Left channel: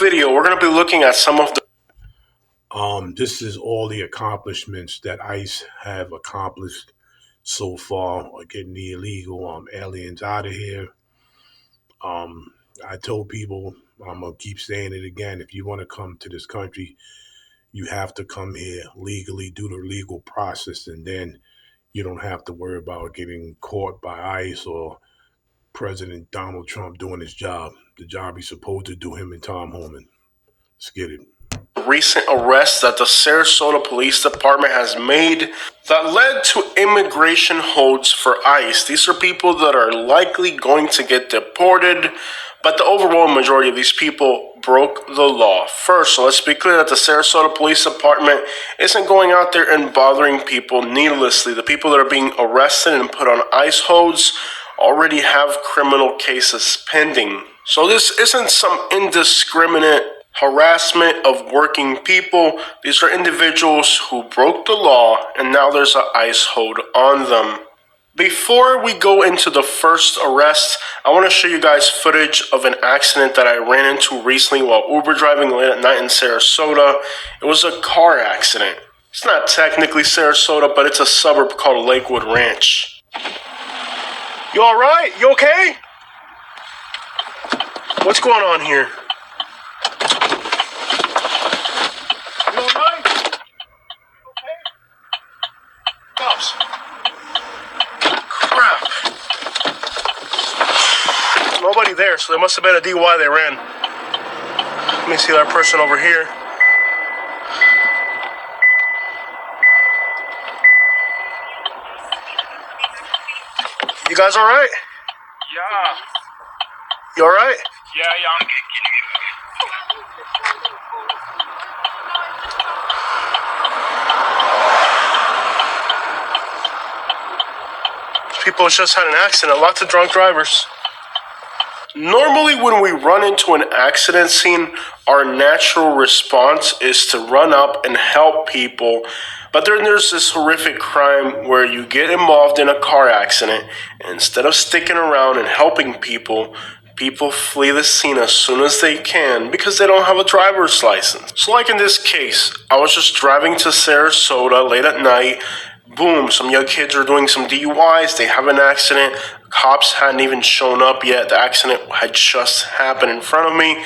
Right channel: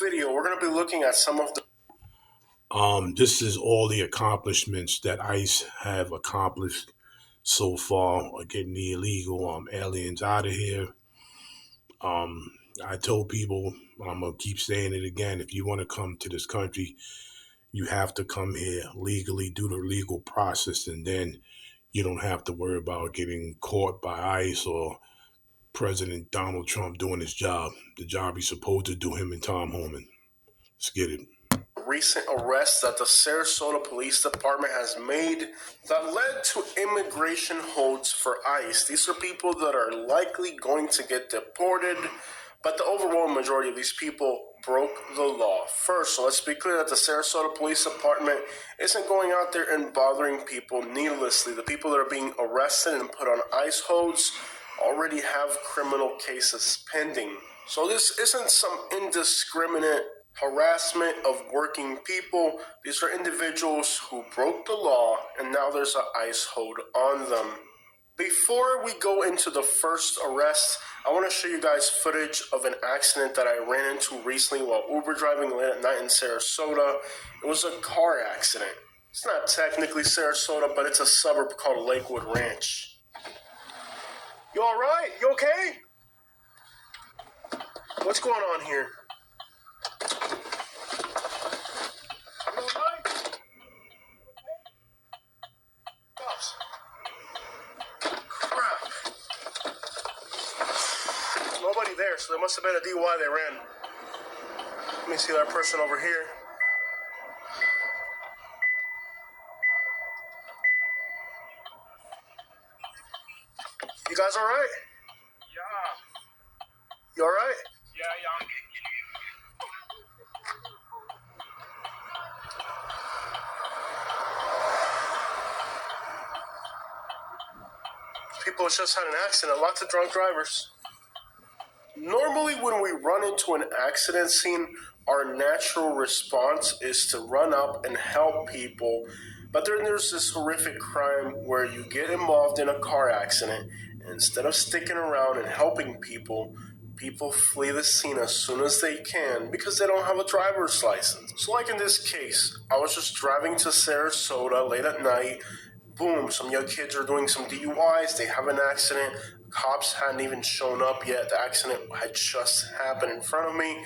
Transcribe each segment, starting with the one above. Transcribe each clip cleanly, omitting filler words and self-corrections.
video, we're going to be looking at some of the This is all the accomplishments that ICE have accomplished so far, getting the illegal aliens out of here. I told people, I'm gonna keep saying it again. If you want to come to this country, you have to come here legally, do the legal process, and then you don't have to worry about getting caught by ICE or President Donald Trump doing his job, the job he's supposed to do, him and Tom Homan. Let's get it. recent arrests that the Sarasota Police Department has made that led to immigration holds for ICE. These are people that are likely going to get deported, but the overwhelming majority of these people broke the law. First, so let's be clear that the Sarasota Police Department isn't going out there and bothering people needlessly. The people that are being arrested and put on ICE holds already have criminal cases pending. So this isn't some indiscriminate harassment of working people. These are individuals who broke the law and now there's an ICE hold on them. Before we go into the first arrest, I want to show you guys footage of an accident that I ran into recently while Uber driving late at night in Sarasota. It was a car accident. It's not technically Sarasota, but it's a suburb called Lakewood Ranch. You all right? You okay? What's going on here? You all right? Okay? Cops. Crap. Nobody there, so there must have been a DUI they ran. Let me see that person over here. You guys all right? Yeah. You all right? Yeah. People just had an accident. Lots of drunk drivers. Normally, when we run into an accident scene, our natural response is to run up and help people. But then there's this horrific crime where you get involved in a car accident, and instead of sticking around and helping people, people flee the scene as soon as they can because they don't have a driver's license. So like in this case, I was just driving to Sarasota late at night. Boom, some young kids are doing some DUIs. They have an accident. Cops hadn't even shown up yet. The accident had just happened in front of me.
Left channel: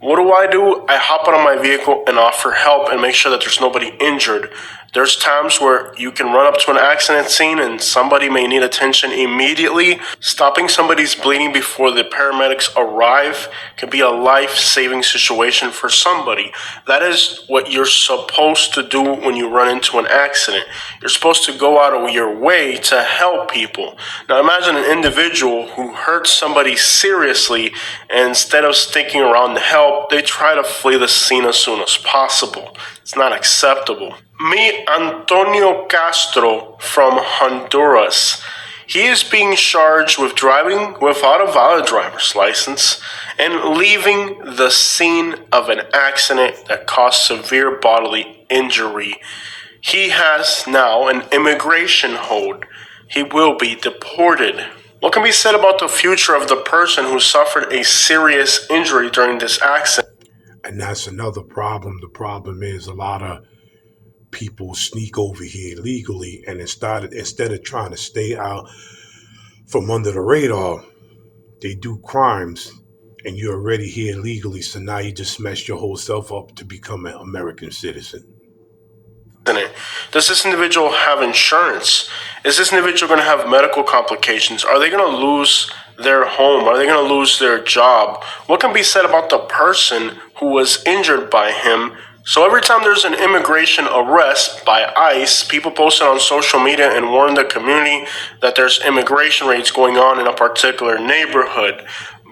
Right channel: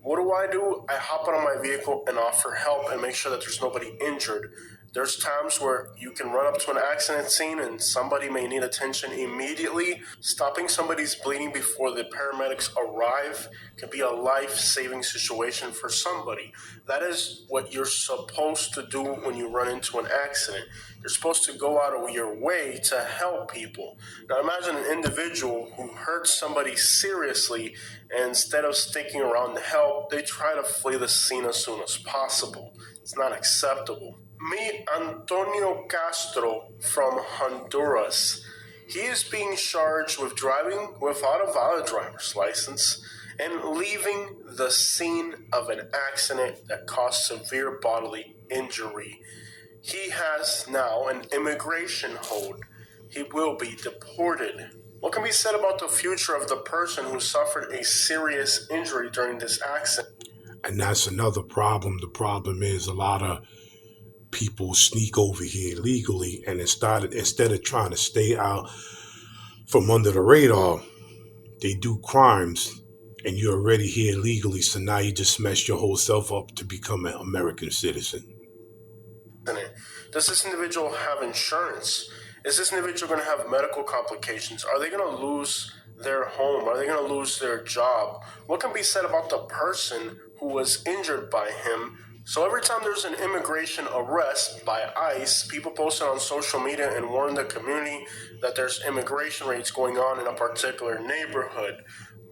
What do? I hop out of my vehicle and offer help and make sure that there's nobody injured. There's times where you can run up to an accident scene and somebody may need attention immediately. Stopping somebody's bleeding before the paramedics arrive can be a life-saving situation for somebody. That is what you're supposed to do when you run into an accident. You're supposed to go out of your way to help people. Now imagine an individual who hurts somebody seriously, and instead of sticking around to help, they try to flee the scene as soon as possible. It's not acceptable. Meet Antonio Castro from Honduras. He is being charged with driving without a valid driver's license and leaving the scene of an accident that caused severe bodily injury. He has now an immigration hold. He will be deported. What can be said about the future of the person who suffered a serious injury during this accident? And that's another problem. The problem is a lot of people sneak over here illegally, and instead of trying to stay out from under the radar, they do crimes, and you're already here legally, so now you just messed your whole self up to become an American citizen. Does this individual have insurance? Is this individual going to have medical complications? Are they going to lose their home? Are they going to lose their job? What can be said about the person who was injured by him? So every time there's an immigration arrest by ICE, people post it on social media and warn the community that there's immigration raids going on in a particular neighborhood.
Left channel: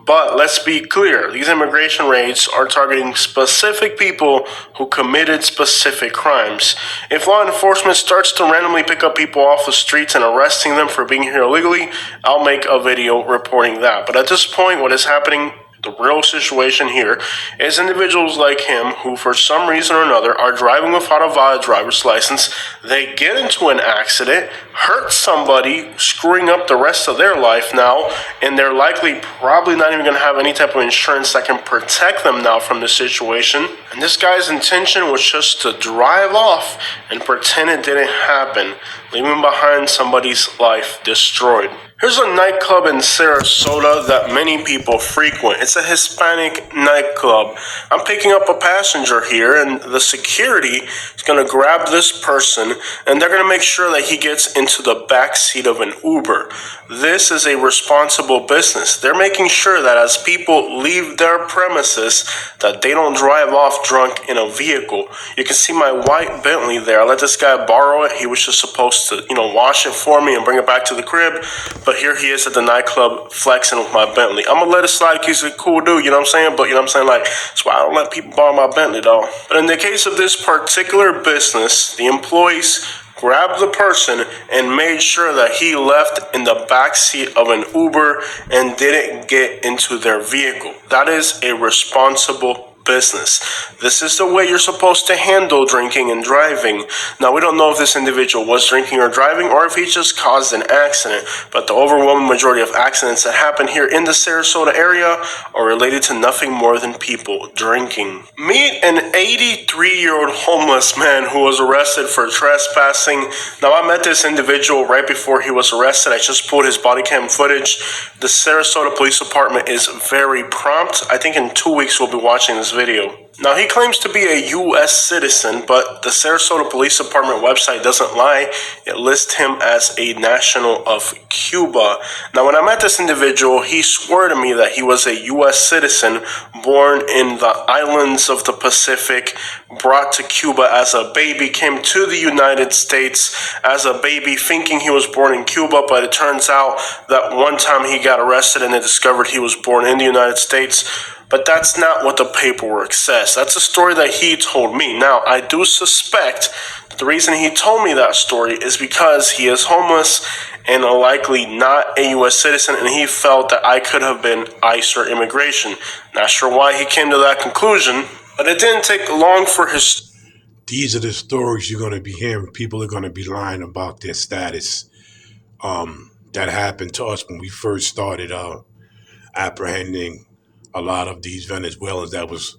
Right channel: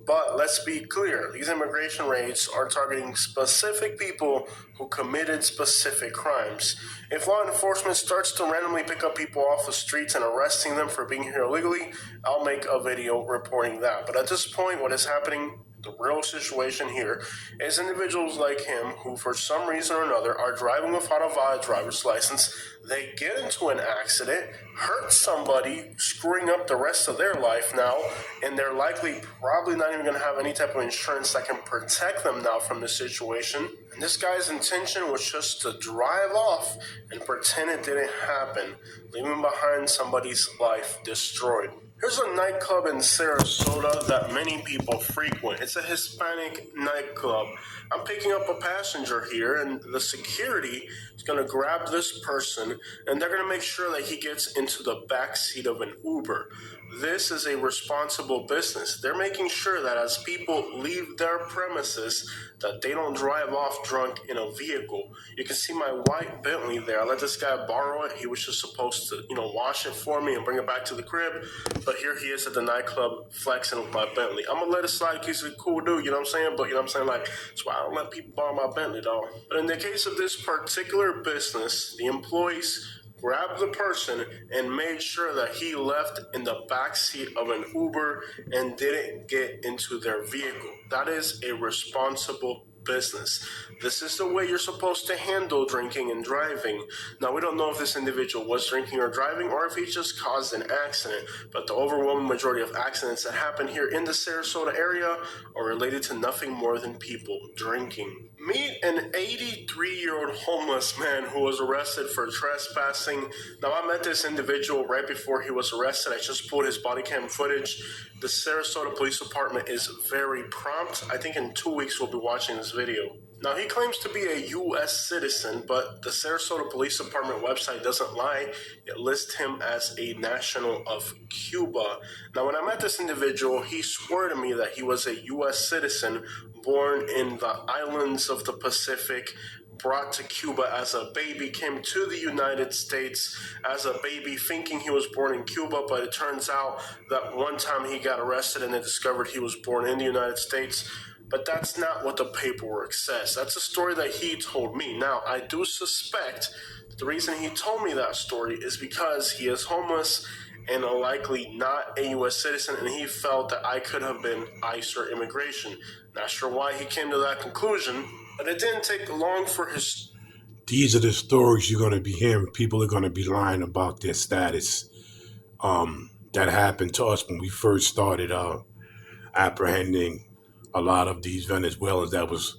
But let's be clear, these immigration raids are targeting specific people who committed specific crimes. If law enforcement starts to randomly pick up people off the streets and arresting them for being here illegally, I'll make a video reporting that. But at this point, what is happening The real situation here is individuals like him who, for some reason or another, are driving without a valid driver's license. They get into an accident, hurt somebody, screwing up the rest of their life now, and they're likely probably not even going to have any type of insurance that can protect them now from this situation. And this guy's intention was just to drive off and pretend it didn't happen, leaving behind somebody's life destroyed. Here's a nightclub in Sarasota that many people frequent. It's a Hispanic nightclub. I'm picking up a passenger here, and the security is going to grab this person, and they're going to make sure that he gets into the back seat of an Uber. This is a responsible business. They're making sure that as people leave their premises, that they don't drive off drunk in a vehicle. You can see my white Bentley there. I let this guy borrow it. He was just supposed to, wash it for me and bring it back to the crib. But here he is at the nightclub flexing with my Bentley. I'm going to let it slide because he's a cool dude, you know what I'm saying? But, like, that's why I don't let people borrow my Bentley, though. But in the case of this particular business, the employees grabbed the person and made sure that he left in the back seat of an Uber and didn't get into their vehicle. That is a responsible business. This is the way you're supposed to handle drinking and driving. Now, we don't know if this individual was drinking or driving or if he just caused an accident, but the overwhelming majority of accidents that happen here in the Sarasota area are related to nothing more than people drinking. Meet an 83-year-old homeless man who was arrested for trespassing. Now, I met this individual right before he was arrested. I just pulled his body cam footage. The Sarasota Police Department is very prompt. I think in 2 weeks we'll be watching this video. Now, he claims to be a U.S. citizen, but the Sarasota Police Department website doesn't lie. It lists him as a national of Cuba. Now, when I met this individual, he swore to me that he was a U.S. citizen born in the islands of the Pacific, brought to Cuba as a baby, came to the United States as a baby thinking he was born in Cuba, but it turns out that one time he got arrested and they discovered he was born in the United States. But that's not what the paperwork says. That's a story that he told me. Now, I do suspect that the reason he told me that story is because he is homeless and likely not a U.S. citizen, and he felt that I could have been ICE or immigration. Not sure why he came to that conclusion, but it didn't take long for his... These are the stories you're going to be hearing. People are going to be lying about their status. That happened to us when we first started apprehending a lot of these Venezuelans that was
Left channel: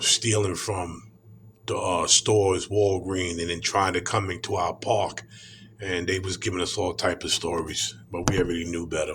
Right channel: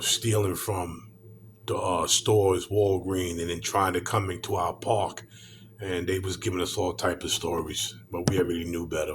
stealing from the stores, Walgreens, and then trying to come into our park. And they was giving us all type of stories, but we already knew better.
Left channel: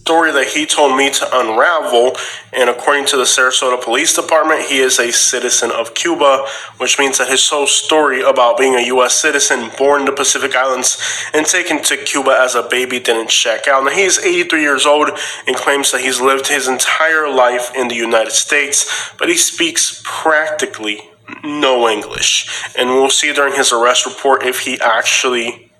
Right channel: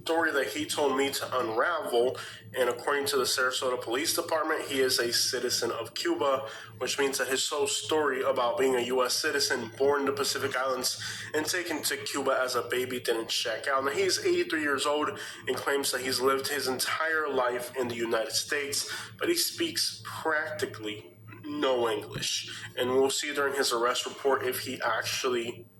Story that he told me to unravel, and according to the Sarasota Police Department, he is a citizen of Cuba, which means that his whole story about being a U.S. citizen born in the Pacific Islands and taken to Cuba as a baby didn't check out. Now, he's 83 years old and claims that he's lived his entire life in the United States, but he speaks practically no English. And we'll see during his arrest report if he actually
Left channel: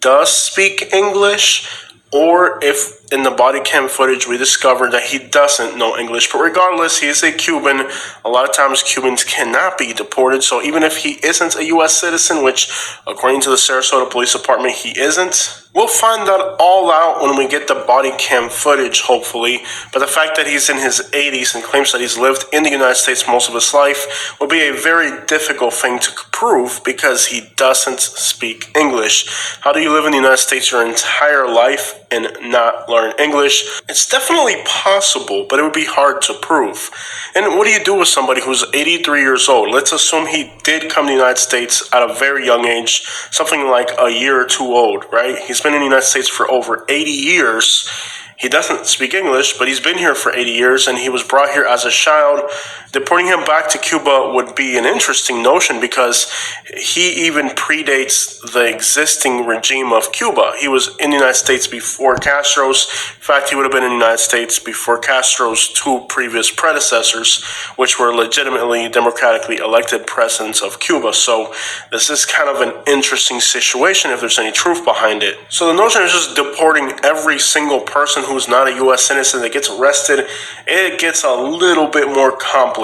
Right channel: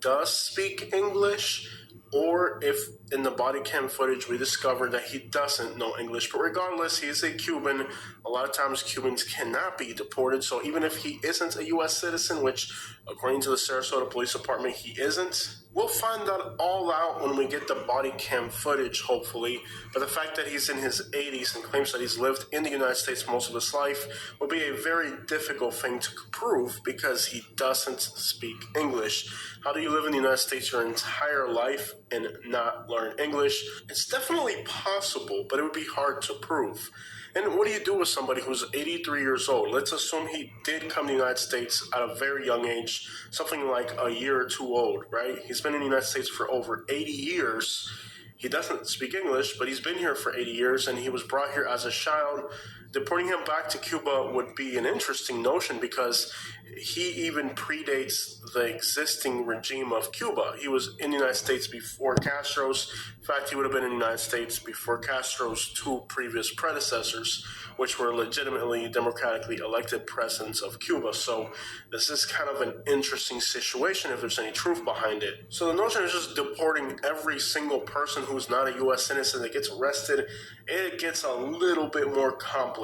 does speak English, or if in the body cam footage we discovered that he doesn't know English. But regardless, he is a Cuban. A lot of times Cubans cannot be deported, so even if he isn't a U.S. citizen, which according to the Sarasota Police Department he isn't, we'll find that all out when we get the body cam footage, hopefully. But the fact that he's in his 80s and claims that he's lived in the United States most of his life will be a very difficult thing to prove because he doesn't speak English. How do you live in the United States your entire life and not learn English? It's definitely possible, but it would be hard to prove. And what do you do with somebody who's 83 years old? Let's assume he did come to the United States at a very young age, something like a year or two old, right? He's been in the United States for over 80 years. He doesn't speak English, but he's been here for 80 years, and he was brought here as a child. Deporting him back to Cuba would be an interesting notion because he even predates the existing regime of Cuba. He was in the United States before Castro's. In fact, he would have been in the United States before Castro's two previous predecessors, which were legitimately democratically elected presidents of Cuba. So this is kind of an interesting situation if there's any truth behind it. So the notion is just deporting every single person who's not a U.S. citizen that gets arrested. It gets a little bit more complicated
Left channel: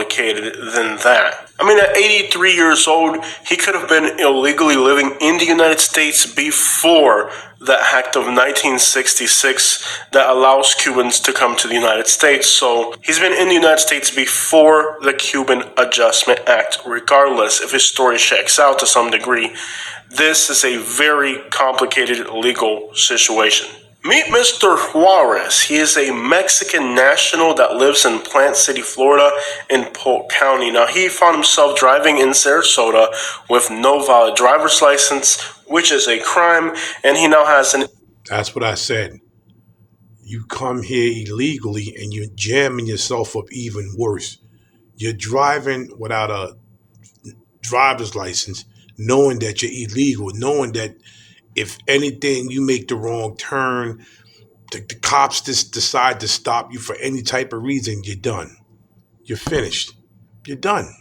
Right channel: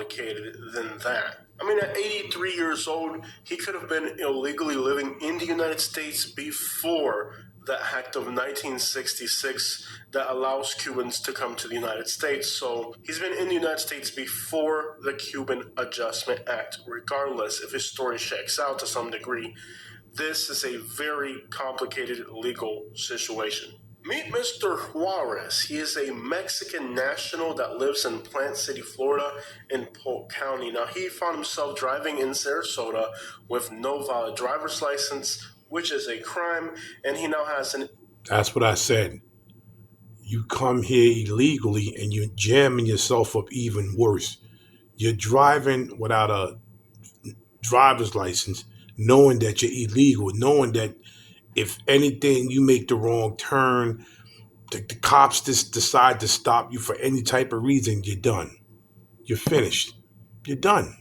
than that. I mean, at 83 years old, he could have been illegally living in the United States before the Act of 1966 that allows Cubans to come to the United States. So he's been in the United States before the Cuban Adjustment Act, regardless if his story checks out to some degree. This is a very complicated legal situation. Meet Mr. Juarez. He is a Mexican national that lives in Plant City, Florida, in Polk County. Now, he found himself driving in Sarasota with no valid driver's license, which is a crime, and he now has an... That's what I said. You come here illegally and you're jamming yourself up even worse. You're driving without a driver's license, knowing that you're illegal, knowing that if anything, you make the wrong turn, the cops just decide to stop you for any type of reason, you're done. You're finished. You're done.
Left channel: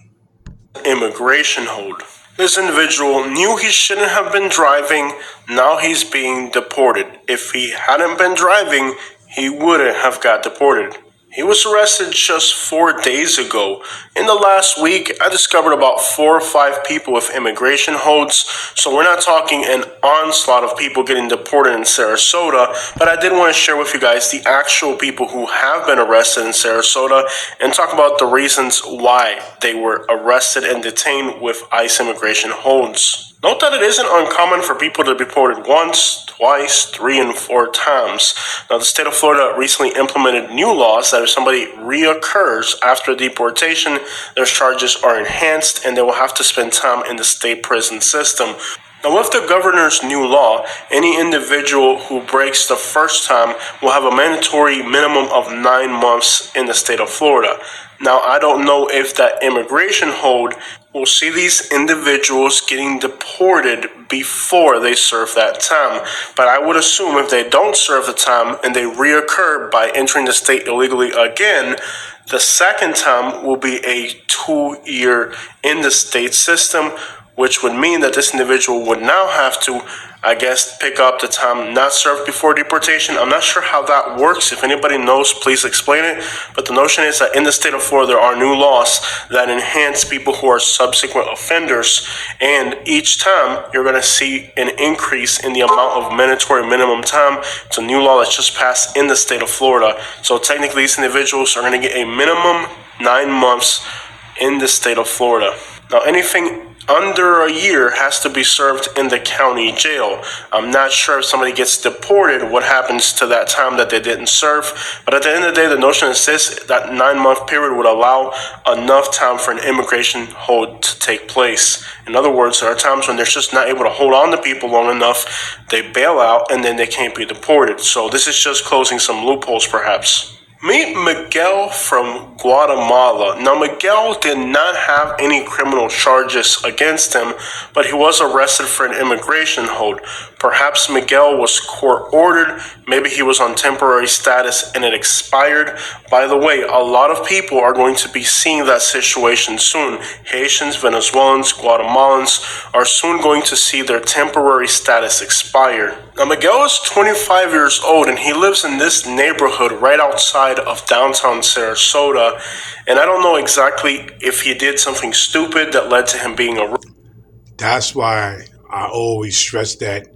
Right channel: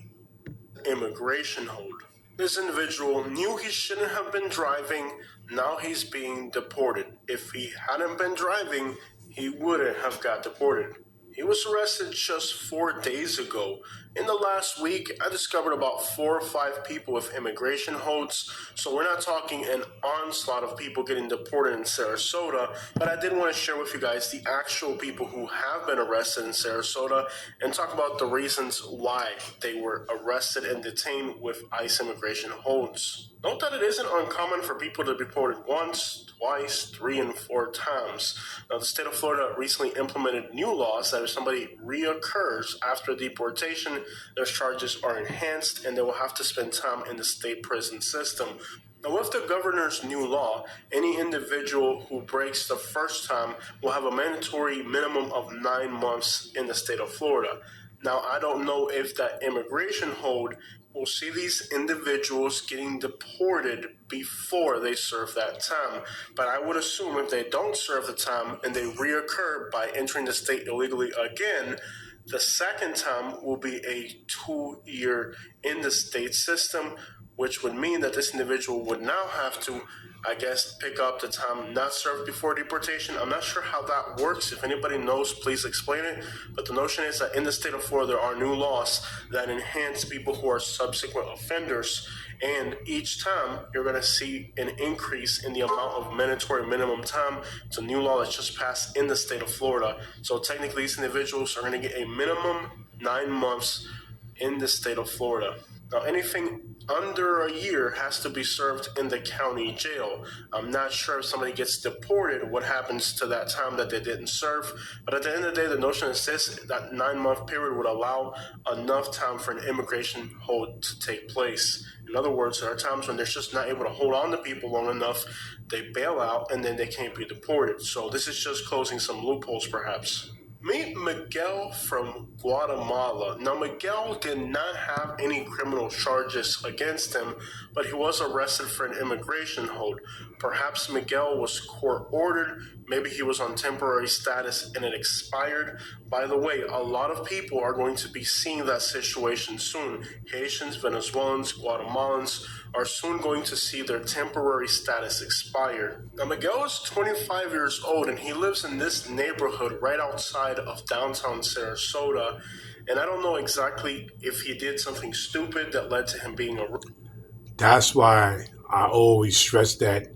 Immigration hold. This individual knew he shouldn't have been driving. Now he's being deported. If he hadn't been driving, he wouldn't have got deported. He was arrested just 4 days ago. In the last week, I discovered about 4 or 5 people with immigration holds, so we're not talking an onslaught of people getting deported in Sarasota, but I did want to share with you guys the actual people who have been arrested in Sarasota and talk about the reasons why they were arrested and detained with ICE immigration holds. Note that it isn't uncommon for people to be deported once, twice, 3, and 4 times. Now, the state of Florida recently implemented new laws that if somebody reoccurs after deportation, their charges are enhanced and they will have to spend time in the state prison system. Now, with the governor's new law, any individual who breaks the first time will have a mandatory minimum of 9 months in the state of Florida. Now, I don't know if that immigration hold will see these individuals getting deported before they serve that time. But I would assume if they don't serve the time and they reoccur by entering the state illegally again, the second time will be a 2-year in the state system, which would mean that this individual would now have to, I guess, pick up the time not served before deportation. I'm not sure how that works. If anybody knows, please explain it. But the notion is that in the state of Florida, there are new laws that enhance people who are subsequent offenders. And each time, you're going to see an increase in the amount of mandatory minimum time. It's a new law that just passed in the state of Florida. So technically, these individuals are going to get a minimum 9 months in the state of Florida. Now, anything under a year has to be served in the county jail. I'm not sure if somebody gets deported, what happens to that time that they didn't serve. But at the end of the day, the notion is this, that 9-month period would allow enough time for an immigration hold to take place. In other words, there are times when they're just not able to hold on to people long enough, they bail out, and then they can't be deported. So this is just closing some loopholes, perhaps. Meet Miguel from Guatemala. Now, Miguel did not have any criminal charges against him, but he was arrested for an immigration hold. Perhaps Miguel was court-ordered. Maybe he was on temporary status and it expired. By the way, a lot of people are going to be seeing that situation soon. Haitians, Venezuelans, Guatemalans are soon going to see their temporary status expire. Now, Miguel is 25 years old and he lives in this neighborhood right outside of downtown Sarasota. And I don't know exactly if he did something stupid that led to him being arrested. That's why I always stress that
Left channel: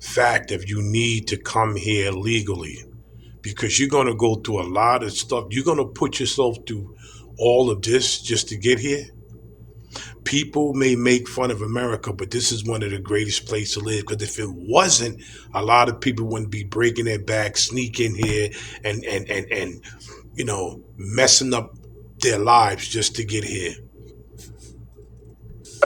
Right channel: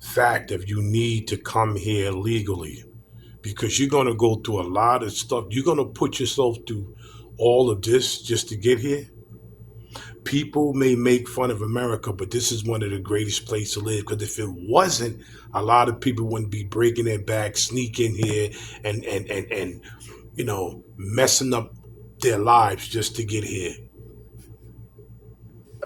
fact if you need to come here legally, because you're going to go through a lot of stuff. You're going to put yourself through all of this just to get here. People may make fun of America, but this is one of the greatest places to live, because if it wasn't, a lot of people wouldn't be breaking their back, sneaking here and you know, messing up their lives just to get here.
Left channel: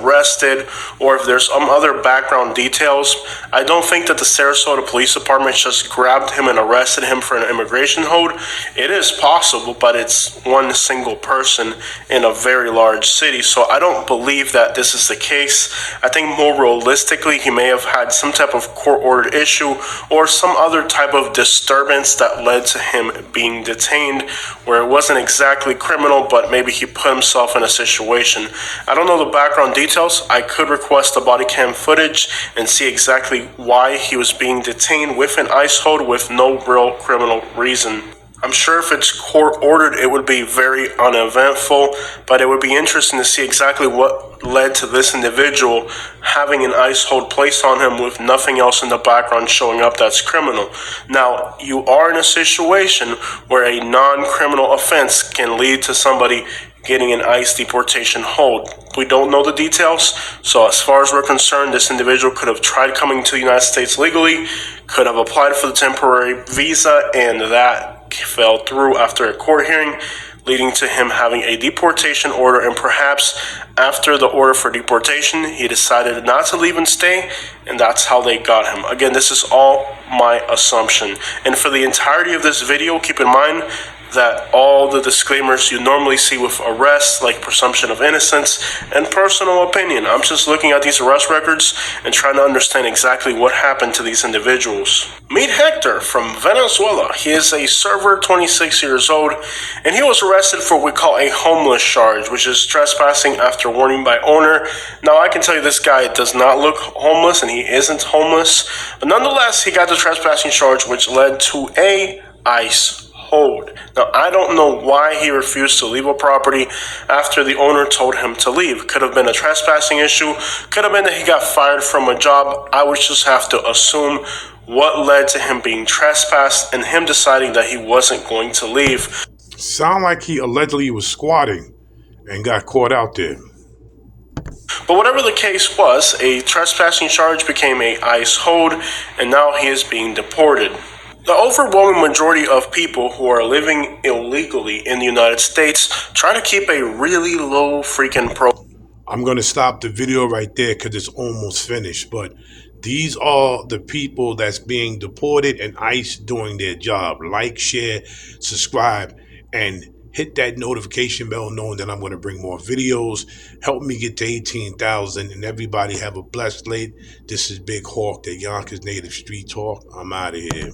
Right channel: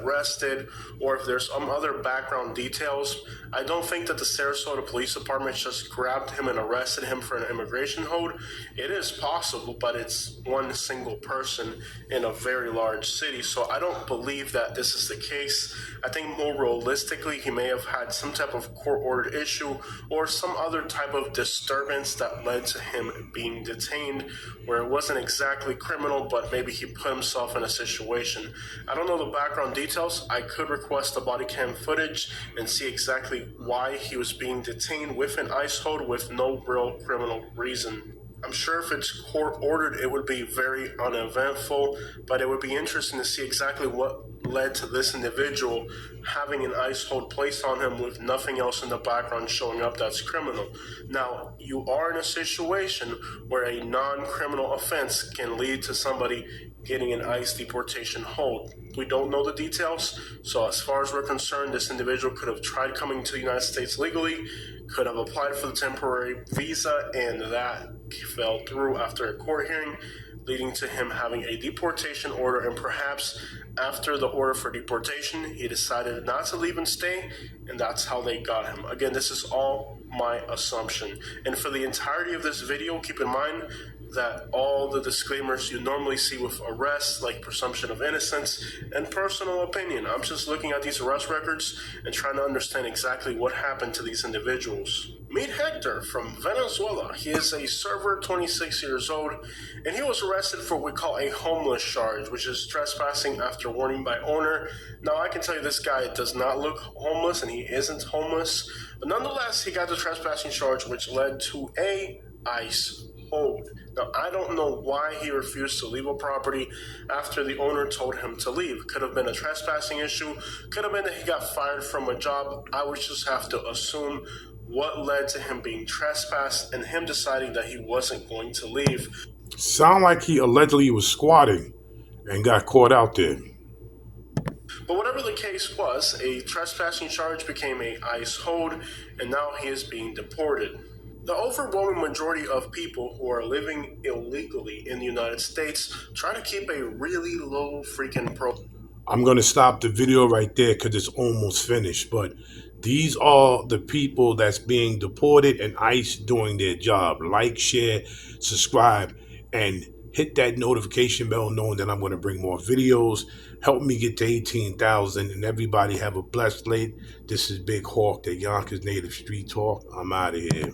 Arrested, or if there's some other background details. I don't think that the Sarasota Police Department just grabbed him and arrested him for an immigration hold. It is possible, but it's one single person in a very large city, so I don't believe that this is the case. I think more realistically, he may have had some type of court-ordered issue or some other type of disturbance that led to him being detained, where it wasn't exactly criminal, but maybe he put himself in a situation. I don't know the background details. I could request the body cam footage and see exactly why he was being detained with an ICE hold with no real criminal reason. I'm sure if it's court ordered, it would be very uneventful, but it would be interesting to see exactly what led to this individual having an ICE hold placed on him with nothing else in the background showing up that's criminal. Now, you are in a situation where a non-criminal offense can lead to somebody getting an ICE deportation hold. We don't know the details, so as far as we're concerned, this individual could have tried coming to the United States legally, could have applied for the temporary visa, and that fell through after a court hearing, leading to him having a deportation order, and perhaps after the order for deportation, he decided not to leave and stay, and that's how they got him. Again, this is all my assumption. And for the entirety of this video, keep in mind that all the disclaimers you normally see with arrests, like presumption of innocence and personal opinion. I'm just looking at these arrest records and trying to understand exactly what happened to these individuals. Meet Hector from Venezuela. He is a server, 26 years old, and he was arrested for what we call a homeless charge, which is trespassing after warning by owner. Now, I can tell you this guy does not look homeless, and he isn't homeless, but nonetheless, he got the trespassing charge, which led to a ICE hold. Now, I don't know why he refused to leave a property after the owner told him to leave. Could have been a trespassing issue. Could have been that he got fired from a job. I would just have to assume what led to him being trespassed and him deciding that he wasn't going to leave. Sound like he allegedly was squatting and got caught out there. But whatever the case was, a trespassing charge became a ICE hold, and now he is being deported. The overwhelming majority of people who are living illegally in the United States try to keep a really low freaking profile. I'm going to stop the video right there because it's almost finished. But these are the people that's being deported and ICE doing their job. Like, share, subscribe, and hit that notification bell knowing that I'm going to bring more videos. Help me get to 18,000 and everybody have a blessed late. This is Big Hawk, the Yonkers Native Street Talk. I'm out of here.